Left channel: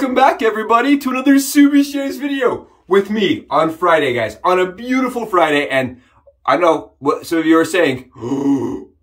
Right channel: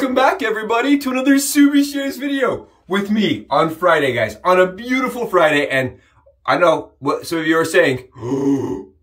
Welcome back, everybody, to another VERSACE video with me on Friday, guys. On a beautiful Friday, and I know what some of you are saying.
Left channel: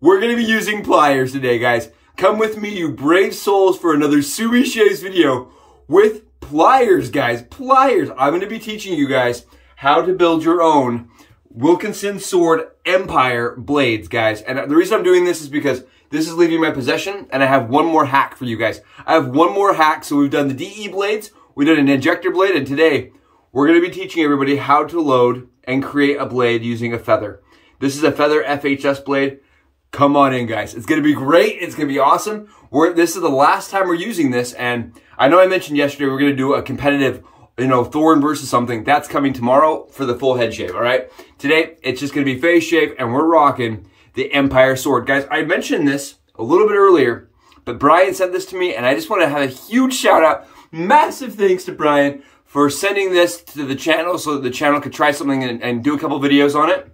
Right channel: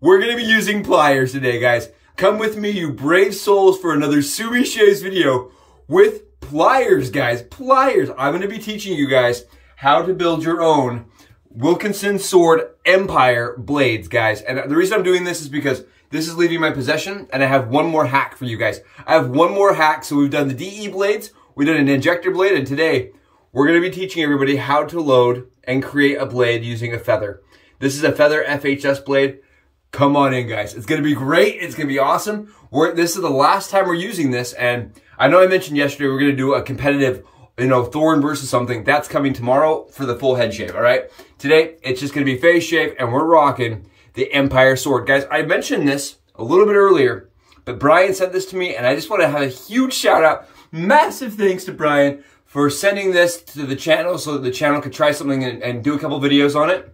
We're going to be using pliers today, guys. Come with me, you brave souls, for another VERSACE video with pliers, guys. Pliers. I'm going to be teaching you guys how to build your own Wilkinson Sword Empire blades, guys. And the reason I'm doing this is because this is leaving my possession, and I have one more hack for you guys. I have one more hack. So we've done the DE blades, we've done an injector blade, and today we're going to be teaching everybody how to load and create a blade using a feather. This is a feather FHS blade. Come on in, guys. It's going to be great. It's going to be awesome. This is the last time we're using this, and I know I mentioned yesterday we're going to do a competitive, thorn versus something. That's coming tomorrow for the full head shave, all right? Today, it's just going to be face shave, and we're rocking the Empire Sword. Guys, I mentioned this a little bit earlier, but Brian sent this to me, and I just want to have a huge shout out. Massive thanks to Brian for sending this to the channel so that the channel could try something and do a couple videos on it.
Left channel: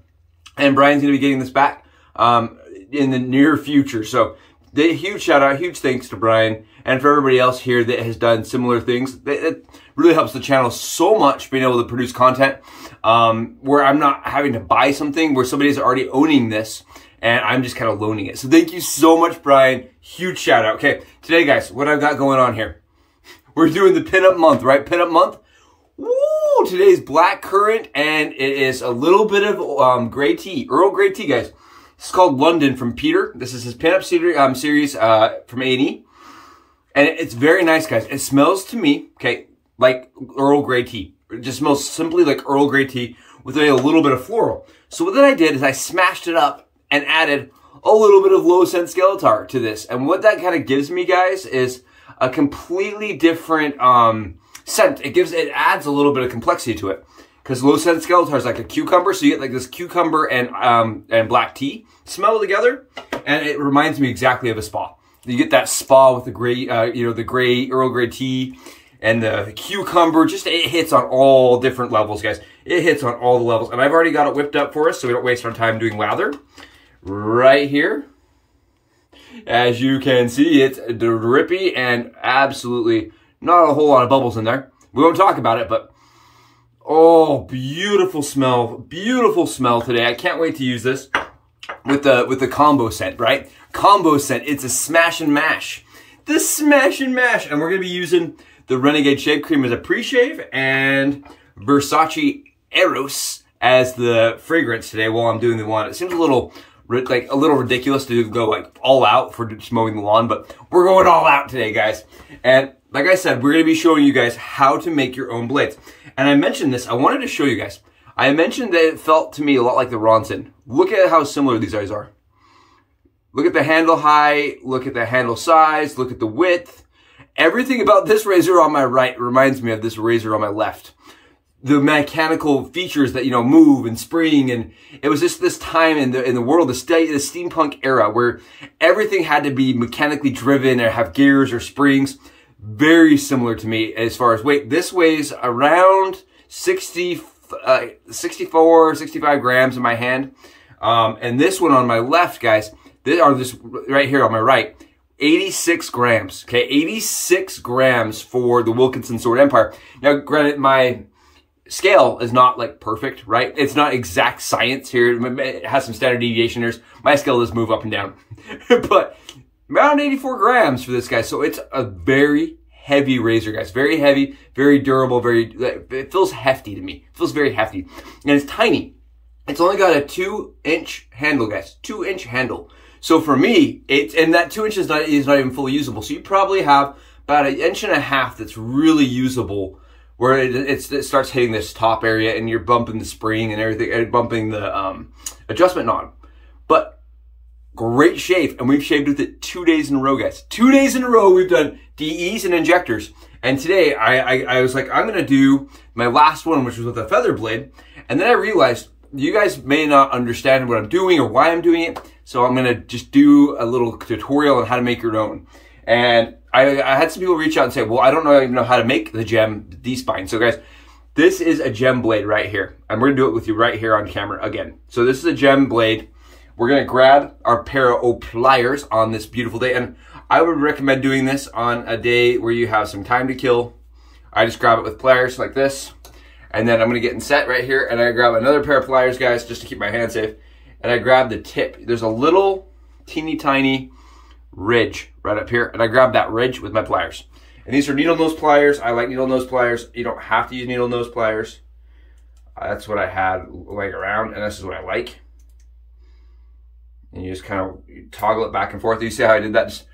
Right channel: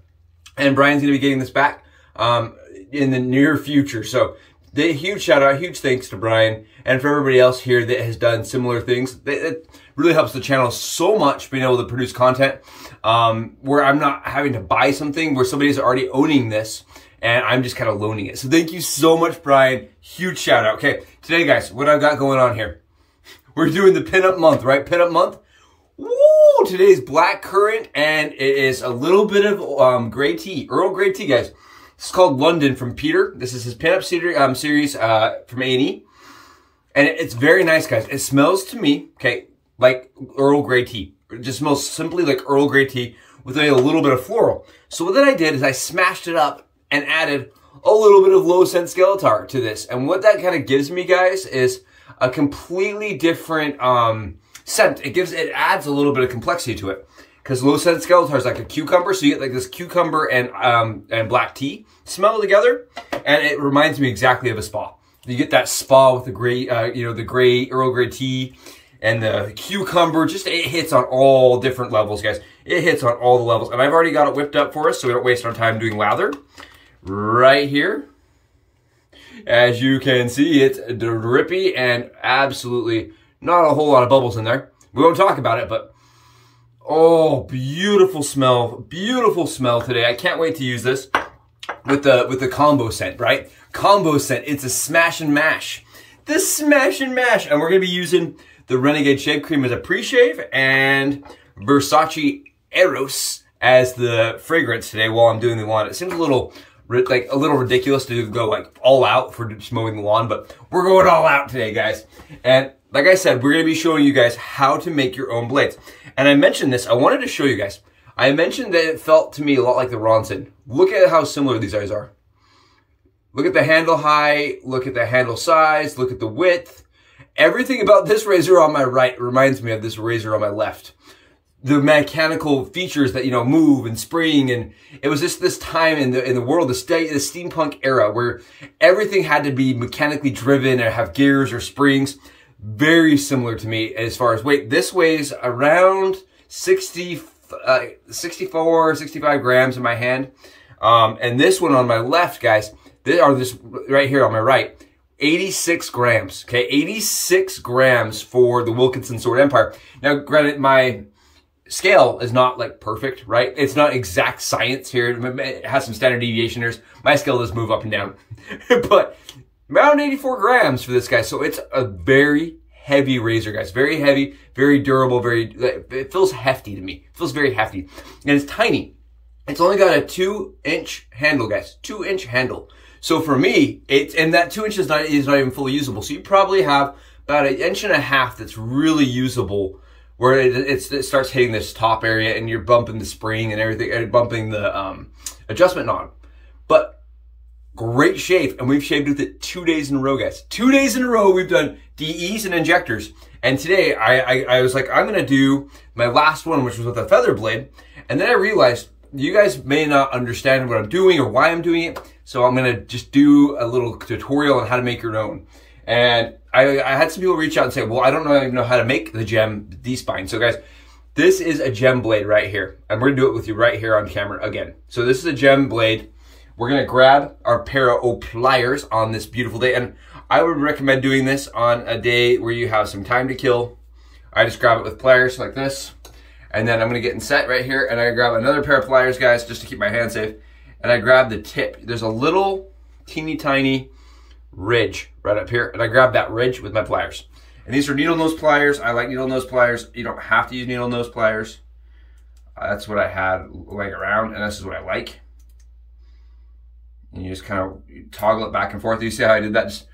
And Brian's going to be getting this back in the near future. So huge shout out, huge thanks to Brian, and for everybody else here that has done similar things. It really helps the channel so much being able to produce content where I'm not having to buy something, where somebody's already owning this and I'm just kind of loaning it. So thank you so much, Brian. Huge shout out. Okay, today, guys, what I've got going on here. We're doing the pinup month, right? Pinup month. Woo! Today's black currant, and it is a little bit of gray tea, Earl Grey tea, guys. It's called London from Peter. This is his pinup series from A&E. And it's very nice, guys. It smells to me, okay, like Earl Grey tea. It just smells simply like Earl Grey tea with a little bit of floral. So what I did is I smashed it up and added a little bit of low scent SKELECTOR to this. And what that kind of gives me, guys, is a completely different scent. It adds a little bit of complexity to it. Because low scent SKELECTOR is like a cucumber, so you get like this cucumber and black tea smell together, and it reminds me exactly of a spa. You get that spa with the gray, the gray Earl Grey tea and the cucumber. Just it hits on all different levels, guys. It hits on all the levels, and I've already got it whipped up for us, so we don't waste our time doing lather. Right here, as you can see, it's drippy and absolutely not a whole lot of bubbles in there. We won't talk about it, but oh, beautiful smell today. I can't wait to use this with the combo scent, right? Combo scent. It's a smash and mash. The smash and mash, and we're gonna be using the Renegade shave cream as a pre-shave and VERSACE EROS as the fragrance today while I'm doing the lawn. It seems a little ridiculous to go like all out for just mowing the lawn, but we're going all out today, guys. And like I said, we're going to be showing you guys how to make your own blades. And I mentioned this, I wanted to show you guys. I mentioned that it felt to me a lot like the Ronson. Look at how similar these guys are. Look at the handle height, look at the handle size, look at the width. Everything about this razor on my right reminds me of this razor on my left. The mechanical features that, move and spring, and it was just this time in the world, the steampunk era, where everything had to be mechanically driven or have gears or springs. Very similar to me as far as weight. This weighs around 64, 65 grams in my hand. And this one on my left, guys, this right here on my right, 86 grams, okay? 86 grams for the Wilkinson Sword Empire. Now, granted, my scale is not like perfect, right? It's not exact science here. It has some standard deviation errors. My scale does move up and down. But around 84 grams for this guy. So it's a very heavy razor, guys. Very heavy, very durable, it feels hefty to me. It feels very hefty. And it's tiny. It's only got a 2-inch handle, guys. 2-inch handle. So for me, and that 2 inches is not even fully usable. So you probably have about 1.5 inches that's really usable, where it starts hitting this top area and you're bumping the spring and everything, and bumping the adjustment knob. But great shave, and we've shaved with it 2 days in a row, guys. 2 days in a row, we've done DEs and injectors. And today, I was like, I'm gonna do my last one, which was with a feather blade. And then I realized, you guys may not understand what I'm doing or why I'm doing it. So I'm gonna just do a little tutorial on how to make your own. And I had some people reach out and say, well, I don't even know how to make the gem D-spine. So guys, this is a gem blade right here. And we're gonna do it with you right here on camera again. So this is a gem blade. We're gonna grab our pair of pliers on this beautiful day. And I would recommend doing this on a day where you have some time to kill I just grab it with pliers like this. And then I'm gonna get in set right here, and I grab another pair of pliers, guys, just to keep my hand safe. And I grab the tip. There's a little teeny tiny ridge right up here, and I grab that ridge with my pliers. And these are needle nose pliers. I like needle nose pliers. You don't have to use needle nose pliers. That's what I had like around, and this is what I like. And you just kind of toggle it back and forth. You see how I did that? Just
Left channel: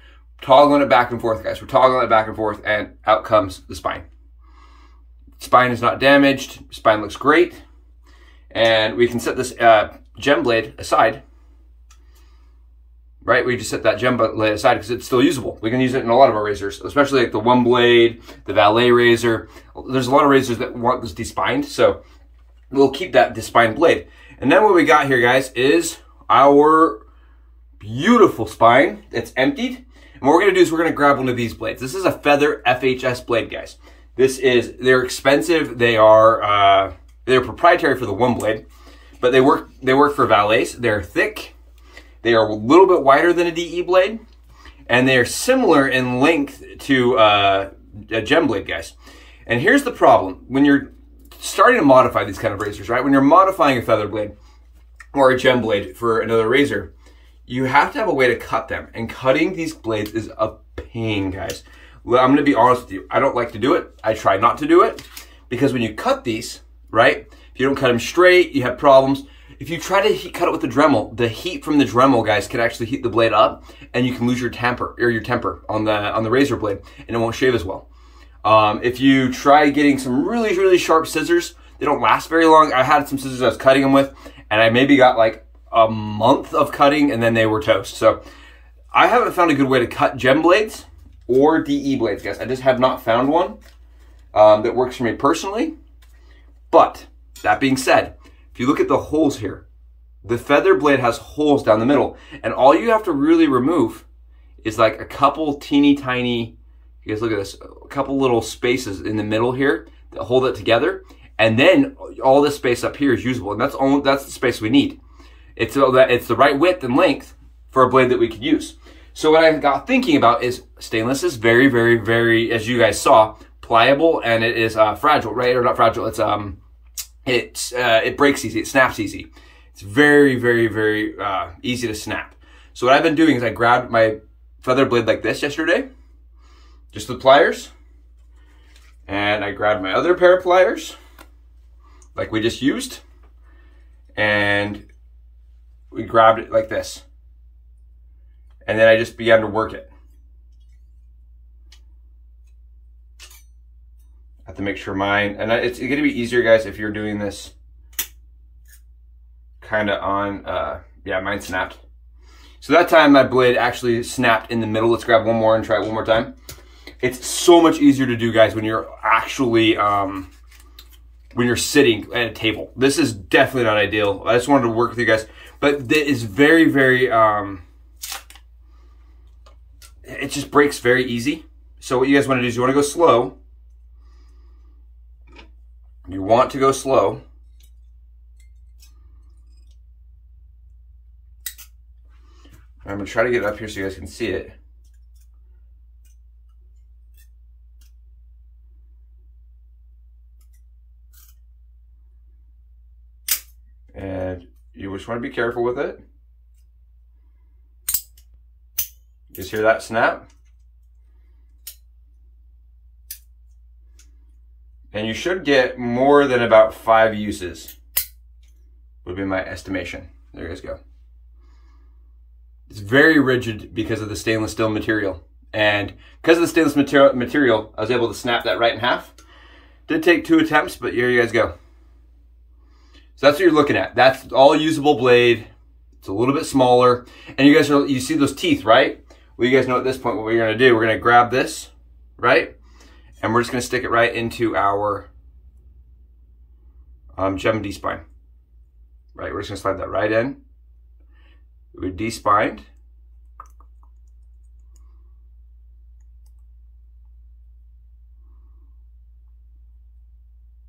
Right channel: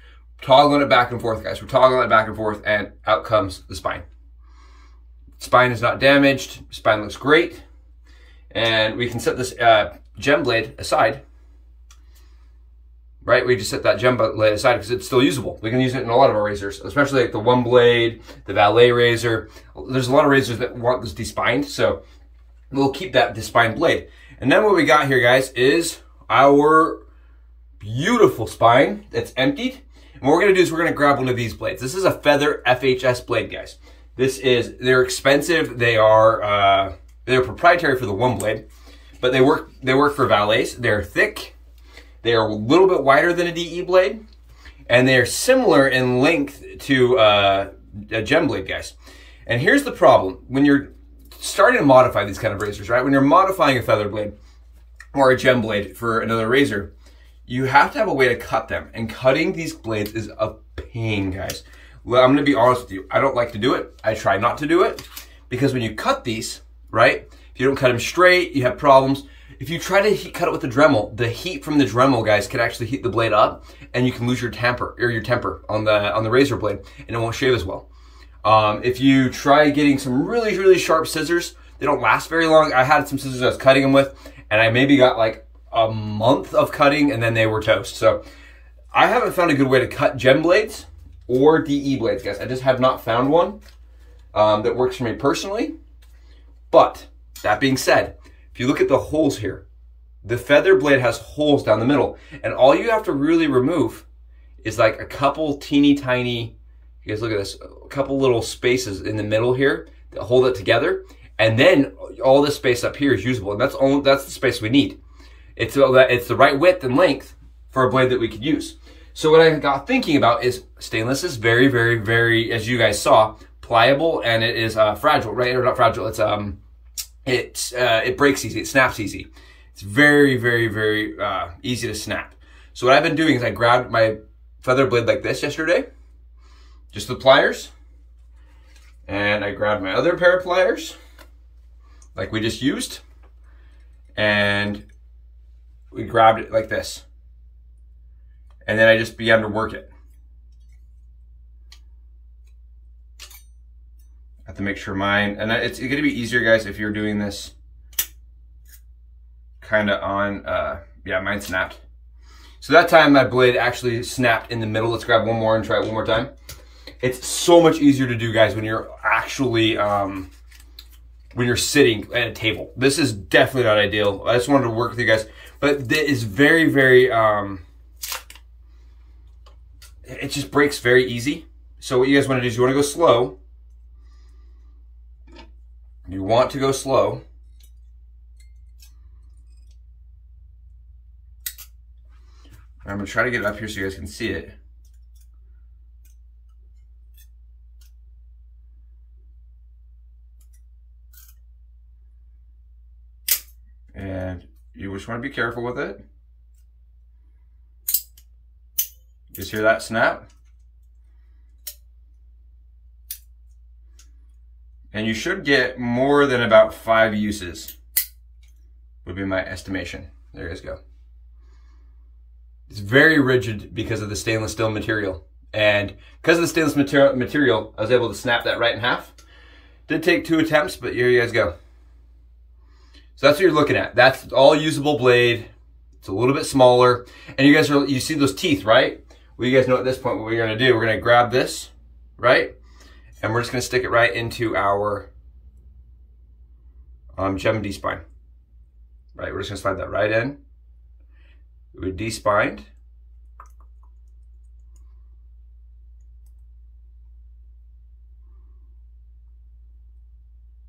toggling it back and forth, guys. We're toggling it back and forth, and out comes the spine. Spine is not damaged. Spine looks great. And we can set this gem blade aside. Right, we just set that gem blade aside because it's still usable. We can use it in a lot of our razors, especially like the one blade, the valet razor. There's a lot of razors that want this despined, so we'll keep that despined blade. And then what we got here, guys, is our beautiful spine that's emptied. And what we're gonna do is we're gonna grab one of these blades. This is a feather FHS blade, guys. They're expensive. They're proprietary for the one blade, but they work for valets. They're thick. They are a little bit wider than a DE blade, and they are similar in length to a gem blade, guys. And here's the problem. When you're starting to modify these kind of razors, right? When you're modifying a feather blade or a gem blade for another razor, you have to have a way to cut them. And cutting these blades is a pain, guys. Well, I'm gonna be honest with you. I don't like to do it. I try not to do it because when you cut these, right? If you don't cut them straight, you have problems. If you try to cut it with the Dremel, the heat from the Dremel, guys, can actually heat the blade up, and you can lose your temper on the razor blade, and it won't shave as well. If you try getting some really, really sharp scissors, they don't last very long. I had some scissors I was cutting them with, and I maybe got like a month of cutting, and then they were toast. So I haven't found a good way to cut gem blades or DE blades, guys. I just have not found one that works for me personally. But that being said, if you look at the holes here, the feather blade has holes down the middle, and all you have to really remove is like a couple teeny tiny, you guys look at this, a couple little spaces in the middle here that hold it together, and then all this space up here is usable, and that's the space we need. It's the right width and length for a blade that we could use. So what I got thinking about is stainless is very, very, very, as you guys saw, pliable, and it is fragile, right? Or not fragile, it breaks easy, it snaps easy. It's very, very, very easy to snap. So what I've been doing is I grabbed my feather blade like this yesterday, just the pliers, and I grabbed my other pair of pliers, like we just used, and we grabbed it like this. And then I just began to work it. I have to make sure mine, and it's gonna be easier, guys, if you're doing this kind of on, yeah, mine snapped. So that time my blade actually snapped in the middle. Let's grab one more and try it one more time. It's so much easier to do, guys, when you're actually, when you're sitting at a table. This is definitely not ideal. I just wanted to work with you guys, but it is very, very, it just breaks very easy. So what you guys want to do is you want to go slow. You want to go slow. I'm going to try to get it up here so you guys can see it. And you just want to be careful with it. You guys hear that snap? And you should get more than about 5 uses, would be my estimation. There you guys go. It's very rigid because of the stainless steel material. And because of the stainless material, I was able to snap that right in half. Did take 2 attempts, but here you guys go. So that's what you're looking at. That's all usable blade. It's a little bit smaller. And you guys you see those teeth, right? Well, you guys know at this point what we're gonna do. We're gonna grab this, right? And we're just gonna stick it right into our gem D-spine. Right, we're just gonna slide that right in. We D-spined.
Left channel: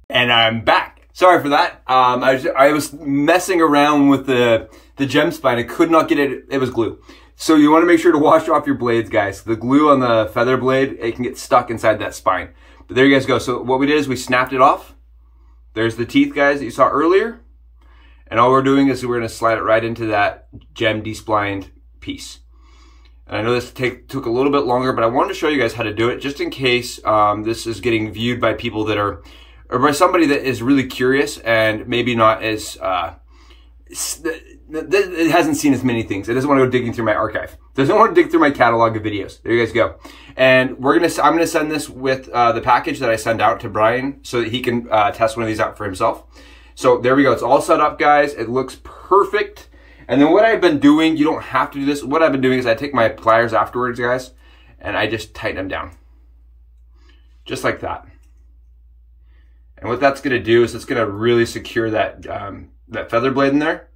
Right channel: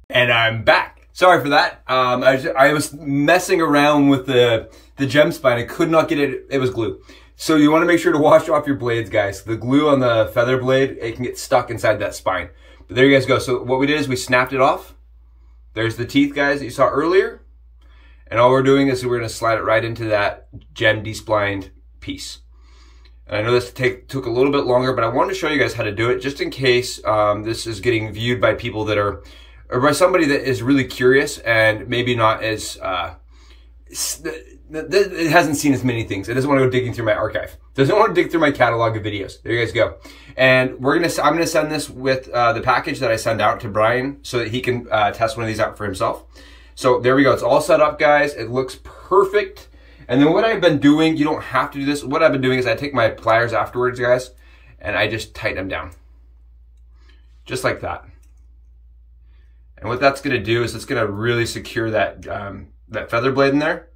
And I'm back. Sorry for that. I was messing around with the gem spine. I could not get it, it was glue. So you want to make sure to wash off your blades, guys. The glue on the feather blade, it can get stuck inside that spine. But there you guys go. So what we did is we snapped it off. There's the teeth, guys, that you saw earlier. And all we're doing is we're gonna slide it right into that gem desplined piece. And I know this took a little bit longer, but I wanted to show you guys how to do it just in case this is getting viewed by people that are, or by somebody that is really curious and maybe not as, it hasn't seen as many things. It doesn't want to go digging through my archive. Doesn't want to dig through my catalog of videos. There you guys go. And I'm gonna send this with the package that I send out to Brian so that he can test one of these out for himself. So there we go. It's all set up, guys. It looks perfect. And then what I've been doing, you don't have to do this. What I've been doing is I take my pliers afterwards, guys, and I just tighten them down. Just like that. And what that's gonna do is it's gonna really secure that, that feather blade in there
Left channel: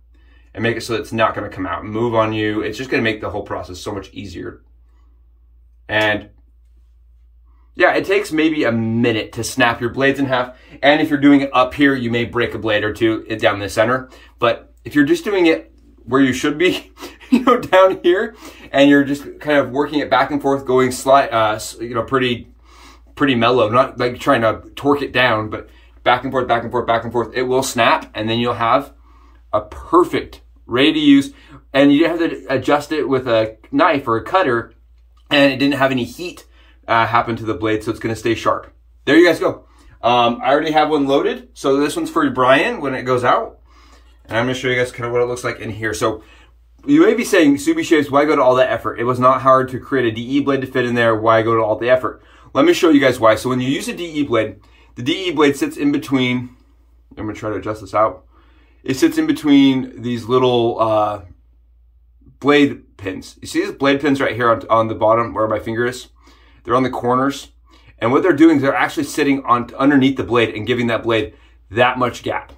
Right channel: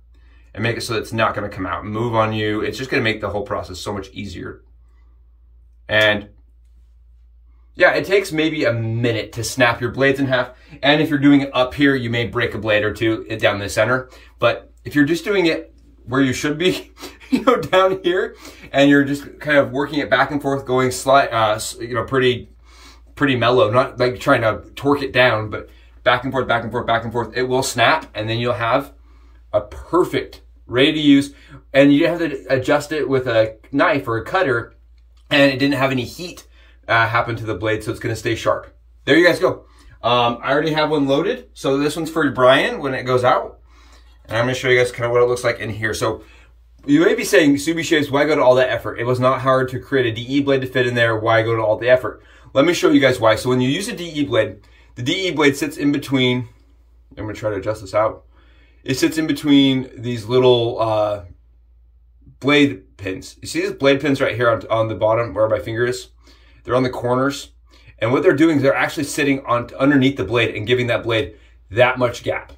and make it so it's not gonna come out and move on you. It's just gonna make the whole process so much easier. And yeah, it takes maybe a minute to snap your blades in half. And if you're doing it up here, you may break a blade or two down the center. But if you're just doing it where you should be, you know, down here, and you're just kind of working it back and forth, going you know, pretty mellow, not like trying to torque it down, but back and forth, back and forth, back and forth, it will snap, and then you'll have a perfect, ready to use, and you have to adjust it with a knife or a cutter, and it didn't have any heat happen to the blade, so it's gonna stay sharp. There you guys go. I already have one loaded, so this one's for Brian when it goes out. And I'm gonna show you guys kind of what it looks like in here. So you may be saying, Subi Shaves, why go to all that effort? It was not hard to create a DE blade to fit in there. Why go to all the effort? Let me show you guys why. So when you use a DE blade, the DE blade sits in between, I'm gonna try to adjust this out. It sits in between these little blade pins. You see these blade pins right here on the bottom where my finger is? They're on the corners. And what they're doing is they're actually sitting on underneath the blade and giving that blade that much gap.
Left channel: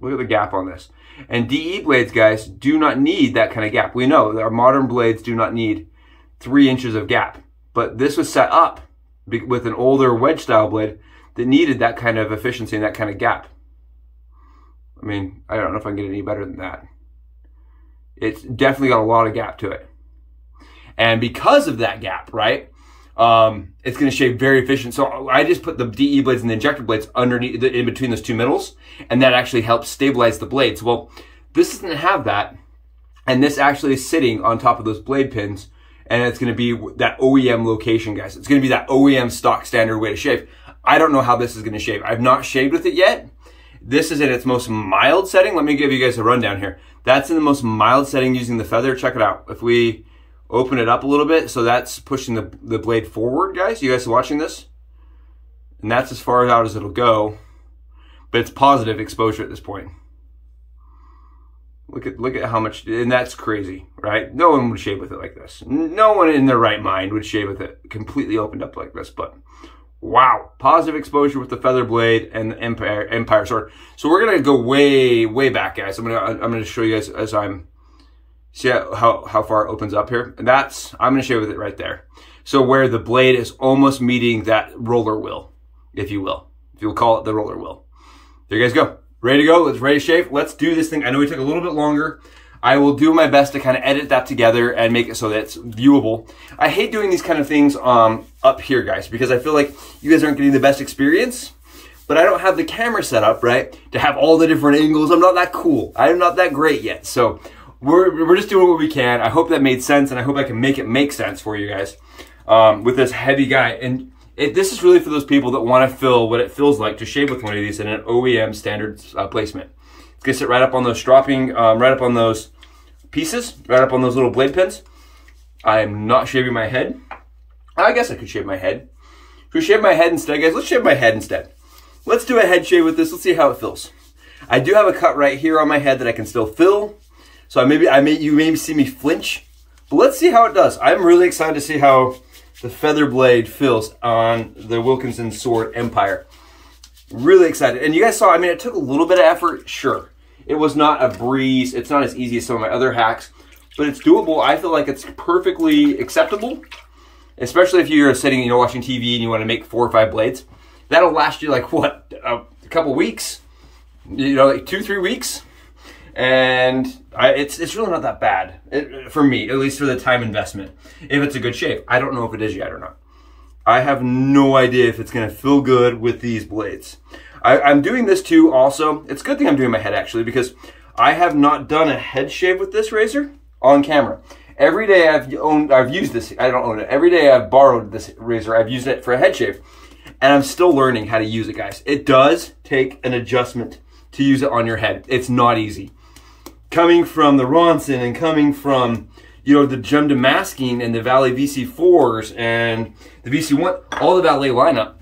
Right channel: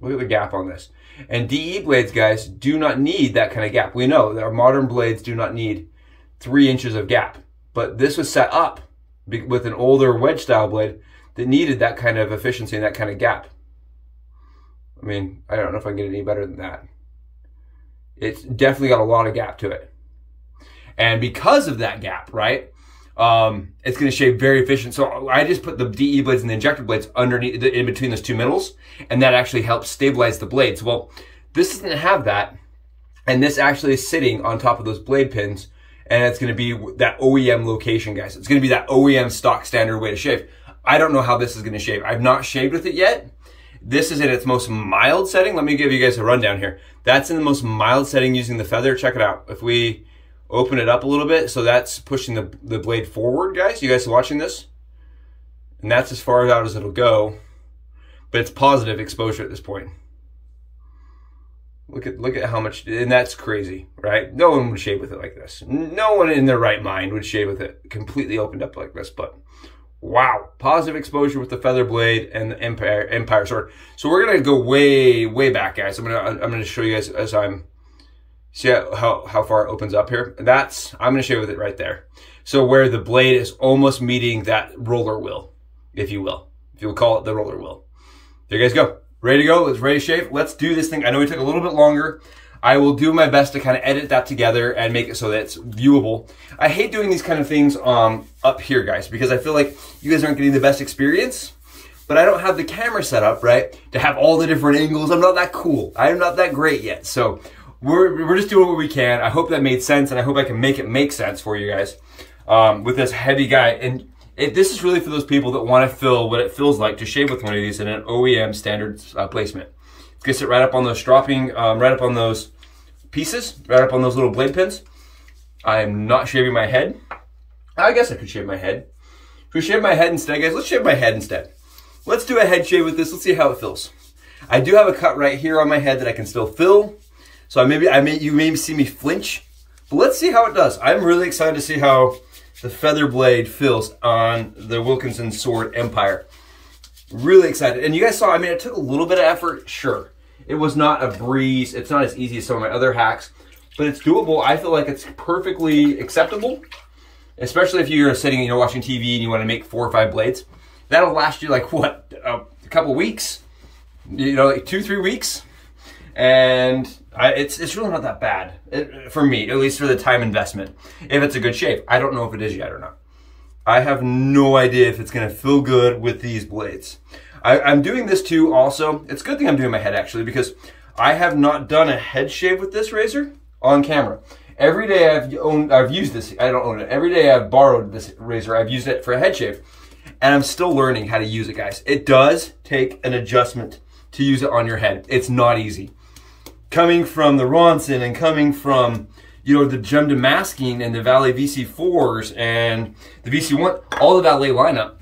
Look at the gap on this. And DE blades, guys, do not need that kind of gap. We know that our modern blades do not need 3 inches of gap. But this was set up with an older wedge style blade that needed that kind of efficiency and that kind of gap. I mean, I don't know if I can get any better than that. It's definitely got a lot of gap to it. And because of that gap, right, it's going to shave very efficient. So I just put the DE blades and the injector blades underneath, in between those two middles, and that actually helps stabilize the blades. Well, this doesn't have that, and this actually is sitting on top of those blade pins, and it's going to be that OEM location, guys. It's going to be that OEM stock standard way to shave. I don't know how this is going to shave. I've not shaved with it yet. This is in its most mild setting. Let me give you guys a rundown here. That's in the most mild setting using the feather. Check it out. If we open it up a little bit, so that's pushing the blade forward, guys. You guys are watching this? And that's as far out as it'll go, but it's positive exposure at this point. Look at how much, and that's crazy, right? No one would shave with it like this. No one in their right mind would shave with it completely opened up like this, but wow, positive exposure with the feather blade and the Empire Sword. So we're gonna go way back, guys. I'm gonna show you guys as I'm. See how far it opens up here? And that's, I'm gonna shave with it right there. So where the blade is almost meeting that roller wheel, if you will. If you'll call it the roller wheel. There you guys go. Ready to go, ready to shave. Let's do this thing. I know it took a little bit longer. I will do my best to kind of edit that together and make it so that it's viewable. I hate doing these kind of things up here, guys, because I feel like you guys aren't getting the best experience. But I don't have the camera set up, right, to have all the different angles. I'm not that cool. I'm not that great yet. So we're just doing what we can. I hope that made sense, and I hope I can make it make sense for you guys with this heavy guy. And this is really for those people that want to feel what it feels like to shave with one of these in an OEM standard placement. It's gonna sit right up on those stropping, right up on those pieces, right up on those little blade pins. I am not shaving my head. I guess I could shave my head. If we shave my head instead, guys, let's shave my head instead. Let's do a head shave with this. Let's see how it feels. I do have a cut right here on my head that I can still fill. So you may see me flinch, but let's see how it does. I'm really excited to see how the feather blade feels on the Wilkinson Sword Empire. Really excited. And you guys saw, I mean, it took a little bit of effort, sure. It was not a breeze. It's not as easy as some of my other hacks, but it's doable. I feel like it's perfectly acceptable, especially if you're sitting, you know, watching TV and you want to make 4 or 5 blades. That'll last you like, what, a couple weeks? You know, like 2-3 weeks? And it's really not that bad for me, at least for the time investment. If it's a good shave, I don't know if it is yet or not. I have no idea if it's gonna feel good with these blades. I'm doing this too also. It's a good thing I'm doing my head actually, because I have not done a head shave with this razor on camera. Every day I've used this, I don't own it. Every day I've borrowed this razor, I've used it for a head shave. And I'm still learning how to use it, guys. It does take an adjustment to use it on your head. It's not easy. Coming from the Ronson and coming from, you know, the Gem Damascene and the Valet VC4s and the VC1, all the Valet lineup,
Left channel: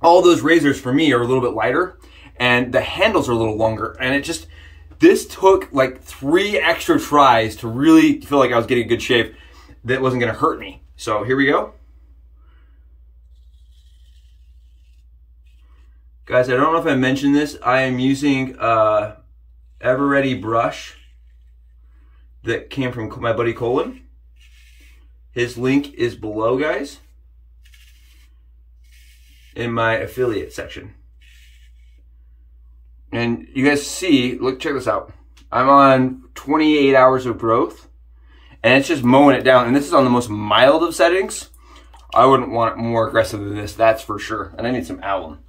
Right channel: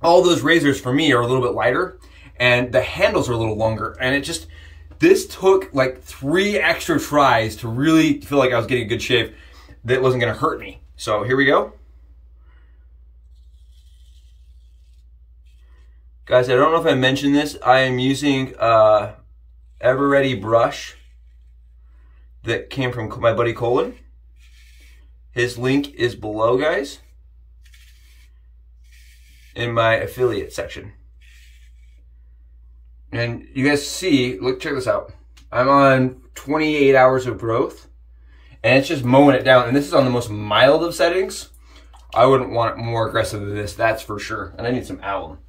all those razors for me are a little bit lighter and the handles are a little longer. And it just, this took like 3 extra tries to really feel like I was getting a good shave that wasn't gonna hurt me. So here we go. Guys, I don't know if I mentioned this. I am using Ever Ready brush that came from my buddy Colin. His link is below, guys, in my affiliate section. And you guys see, look, check this out. I'm on 28 hours of growth and it's just mowing it down. And this is on the most mild of settings. I wouldn't want it more aggressive than this, that's for sure. And I need some alum.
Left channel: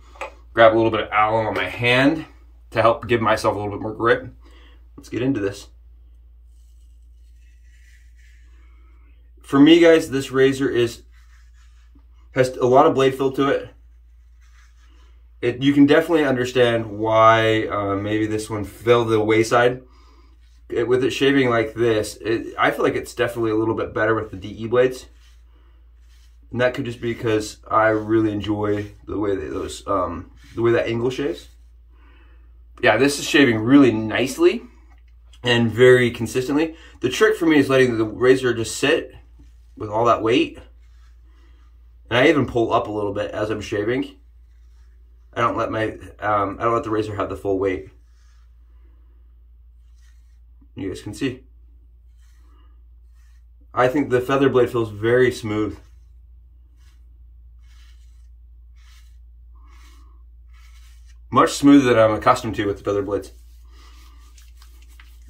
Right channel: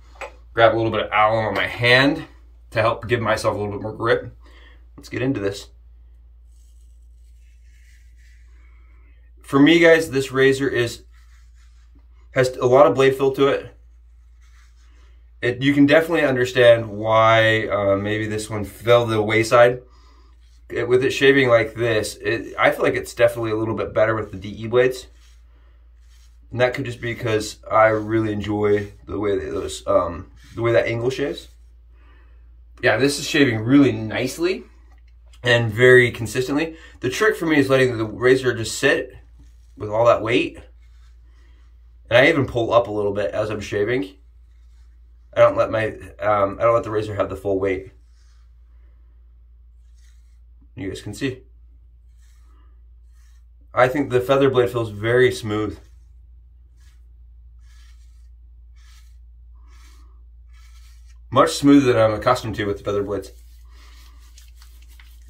Grab a little bit of alum on my hand to help give myself a little bit more grip. Let's get into this. For me, guys, this razor has a lot of blade fill to it. You can definitely understand why maybe this one fell to the wayside. With it shaving like this, I feel like it's definitely a little bit better with the DE blades. And that could just be because I really enjoy the way the way that angle shaves. Yeah, this is shaving really nicely and very consistently. The trick for me is letting the razor just sit with all that weight. And I even pull up a little bit as I'm shaving. I don't let the razor have the full weight. You guys can see. I think the feather blade feels very smooth. Much smoother than I'm accustomed to with the feather blades.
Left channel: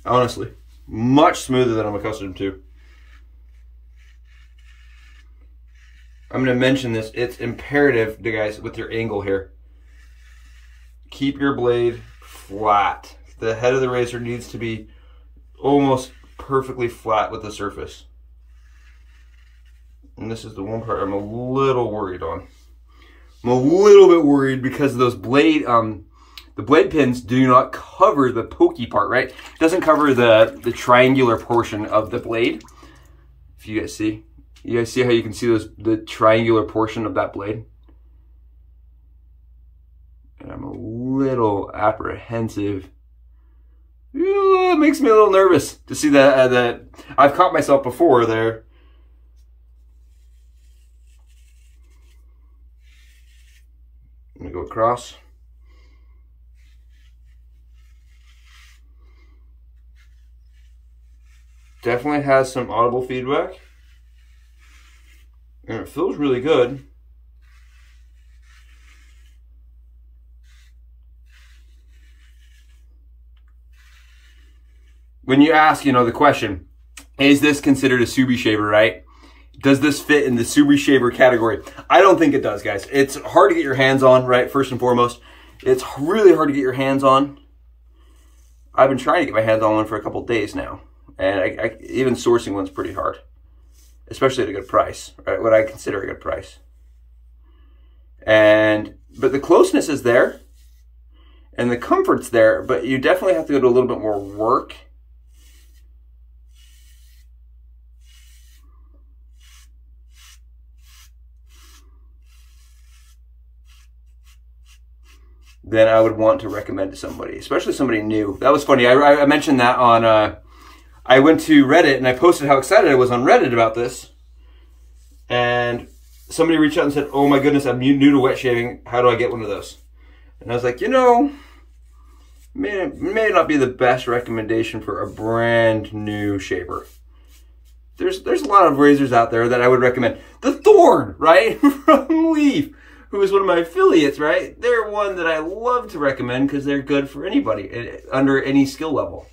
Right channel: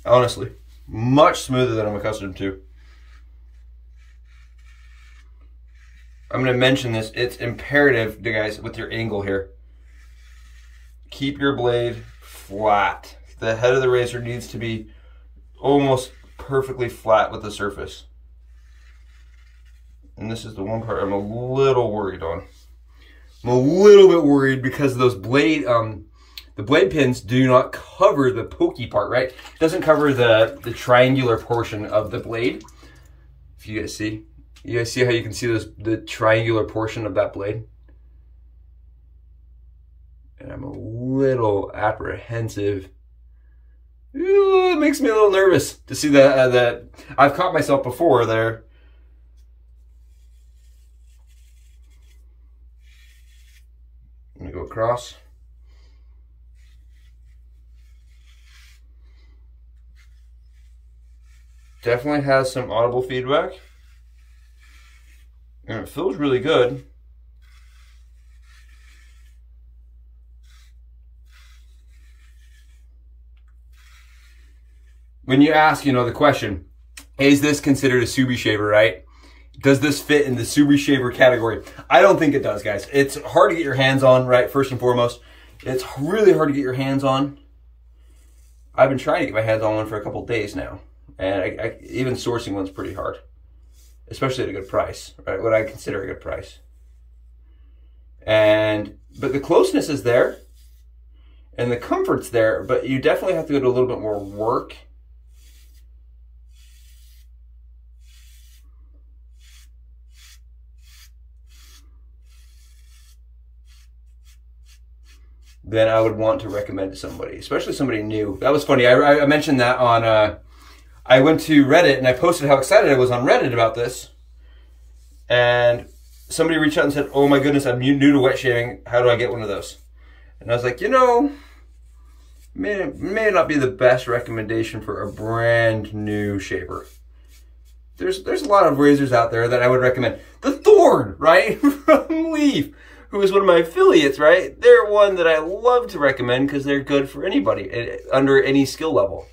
Honestly, much smoother than I'm accustomed to. I'm going to mention this. It's imperative, guys, with your angle here. Keep your blade flat. The head of the razor needs to be almost perfectly flat with the surface. And this is the one part I'm a little worried on. I'm a little bit worried because those blade, the blade pins do not cover the pokey part, right? It doesn't cover the triangular portion of the blade. If you guys see. You guys see how you can see the triangular portion of that blade? And I'm a little apprehensive. Ooh, it makes me a little nervous to see that I've caught myself before there. I'm gonna go across. Definitely has some audible feedback. And it feels really good. When you ask, the question, is this considered a Subi shaver, right? Does this fit in the Subi shaver category? I don't think it does, guys. It's hard to get your hands on, right? First and foremost, it's really hard to get your hands on. I've been trying to get my hands on one for a couple days now. And even sourcing one's pretty hard. Especially at a good price, right? What I consider a good price. But the closeness is there. And the comfort's there. But you definitely have to go to a little bit more work. Then I would want to recommend to somebody, especially somebody new. That was funny. I mentioned that on, I went to Reddit and I posted how excited I was on Reddit about this. And somebody reached out and said, oh my goodness, I'm new to wet shaving. How do I get one of those? And I was like, may not be the best recommendation for a brand new shaver. There's a lot of razors out there that I would recommend. The Thorn, right? From Leaf, who is one of my affiliates, right? They're one that I love to recommend because they're good for anybody under any skill level.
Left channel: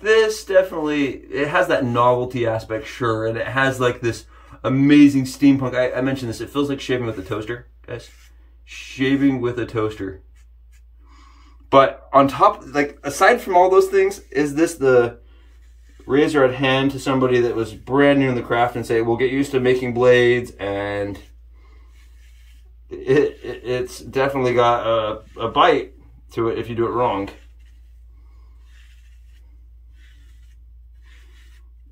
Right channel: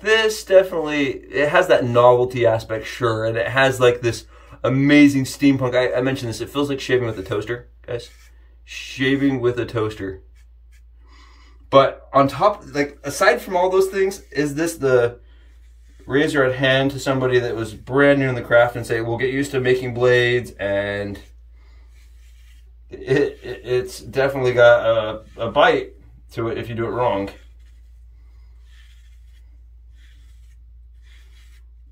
This definitely, it has that novelty aspect, sure, and it has like this amazing steampunk. I mentioned this, it feels like shaving with a toaster, guys. Shaving with a toaster. But on top, like, aside from all those things, is this the razor at hand to somebody that was brand new in the craft and say, we'll get used to making blades, and it's definitely got a bite to it if you do it wrong.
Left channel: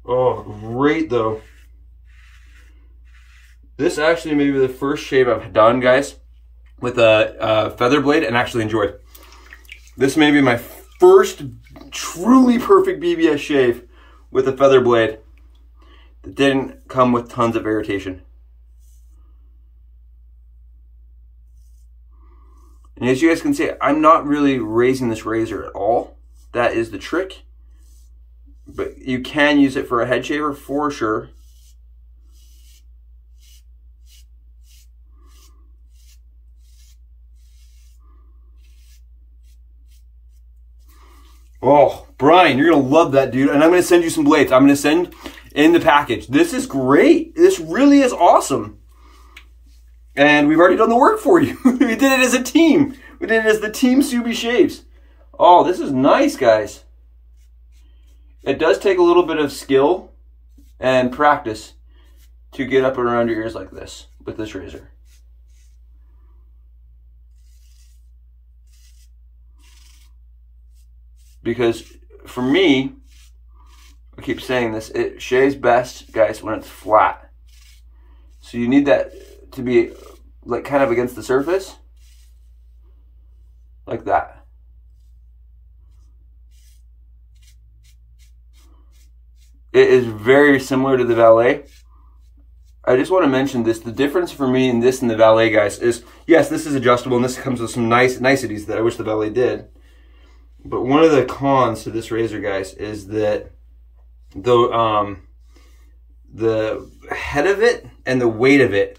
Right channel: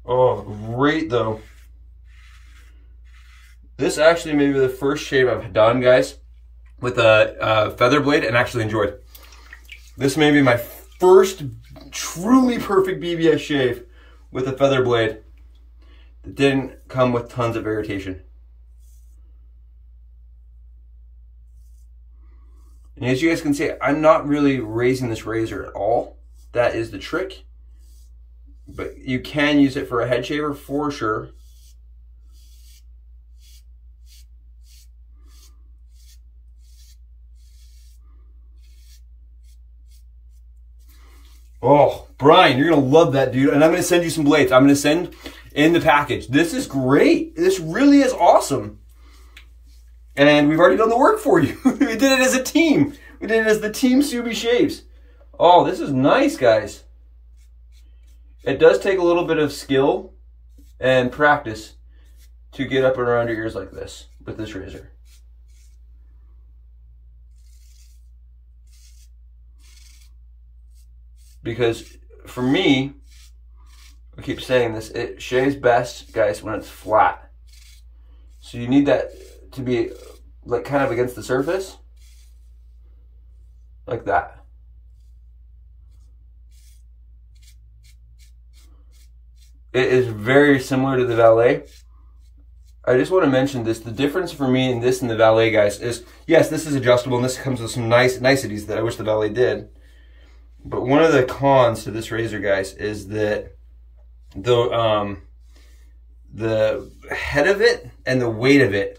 Oh, great though. This actually may be the first shave I've done, guys, with a feather blade and actually enjoyed. This may be my first truly perfect BBS shave with a feather blade that didn't come with tons of irritation. And as you guys can see, I'm not really raising this razor at all. That is the trick. But you can use it for a head shaver for sure. Oh, Brian, you're going to love that, dude. And I'm going to send you some blades. I'm going to send in the package. This is great. This really is awesome. And we've already done the work for you. We did it as a team. We did it as the Team Subi Shaves. Oh, this is nice, guys. It does take a little bit of skill and practice to get up around your ears like this with this razor. Because for me, I keep saying this, it shaves best, guys, when it's flat. So you need that to be like kind of against the surface, like that. It is very similar to the Valet. I just want to mention this, the difference for me in this and the Valet, guys, is, yes, this is adjustable and this comes with some niceties that I wish the Valet did. But one of the cons to this razor, guys, is that the head of it and the weight of it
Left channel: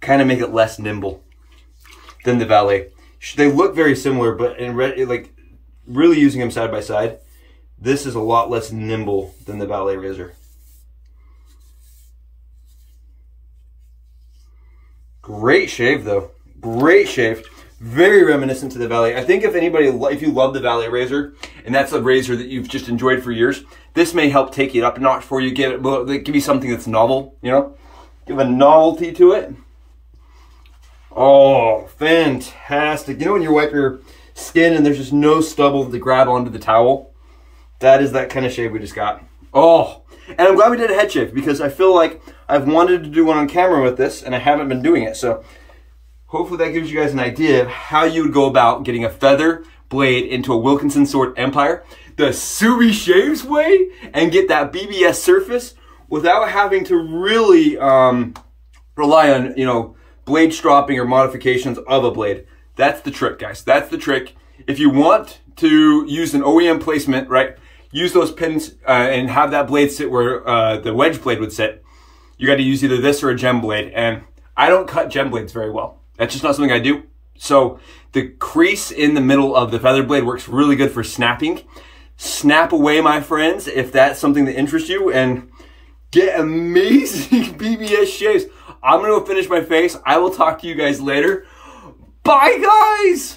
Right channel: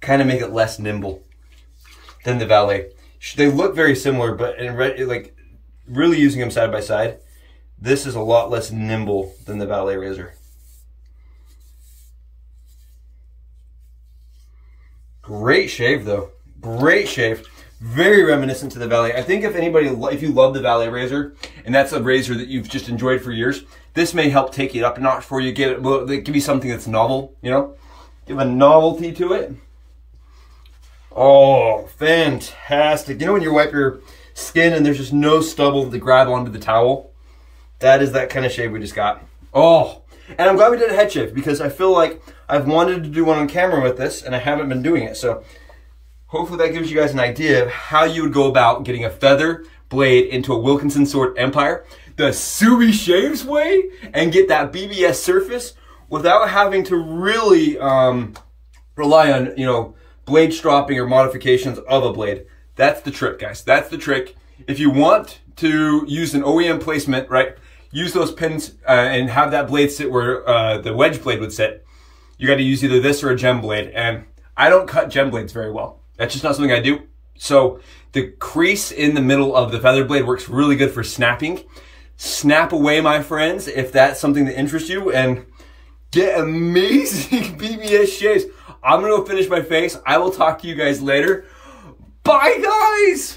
kind of make it less nimble than the Valet. They look very similar, but in like really using them side by side, this is a lot less nimble than the Valet razor. Great shave, though. Great shave. Very reminiscent to the Valet. I think if you love the Valet razor, and that's a razor that you've just enjoyed for years, this may help take it up a notch for you. Give you something that's novel, you know? Give a novelty to it. Oh, fantastic. You know when you wipe your skin and there's just no stubble to grab onto the towel? That is that kind of shave we just got. Oh, and I'm glad we did a head shave because I feel like I've wanted to do one on camera with this and I haven't been doing it. So hopefully that gives you guys an idea of how you would go about getting a feather blade into a Wilkinson Sword Empire the Subi Shaves way and get that BBS surface without having to really rely on, you know, blade stropping or modifications of a blade. That's the trick, guys. That's the trick. If you want to use an OEM placement, right, use those pins and have that blade sit where the wedge blade would sit, you got to use either this or a gem blade. And I don't cut gem blades very well. That's just not something I do. So the crease in the middle of the feather blade works really good for snapping. Snap away, my friends, if that's something that interests you, and get amazing BBS shaves. I'm going to go finish my face. I will talk to you guys later. Bye, guys!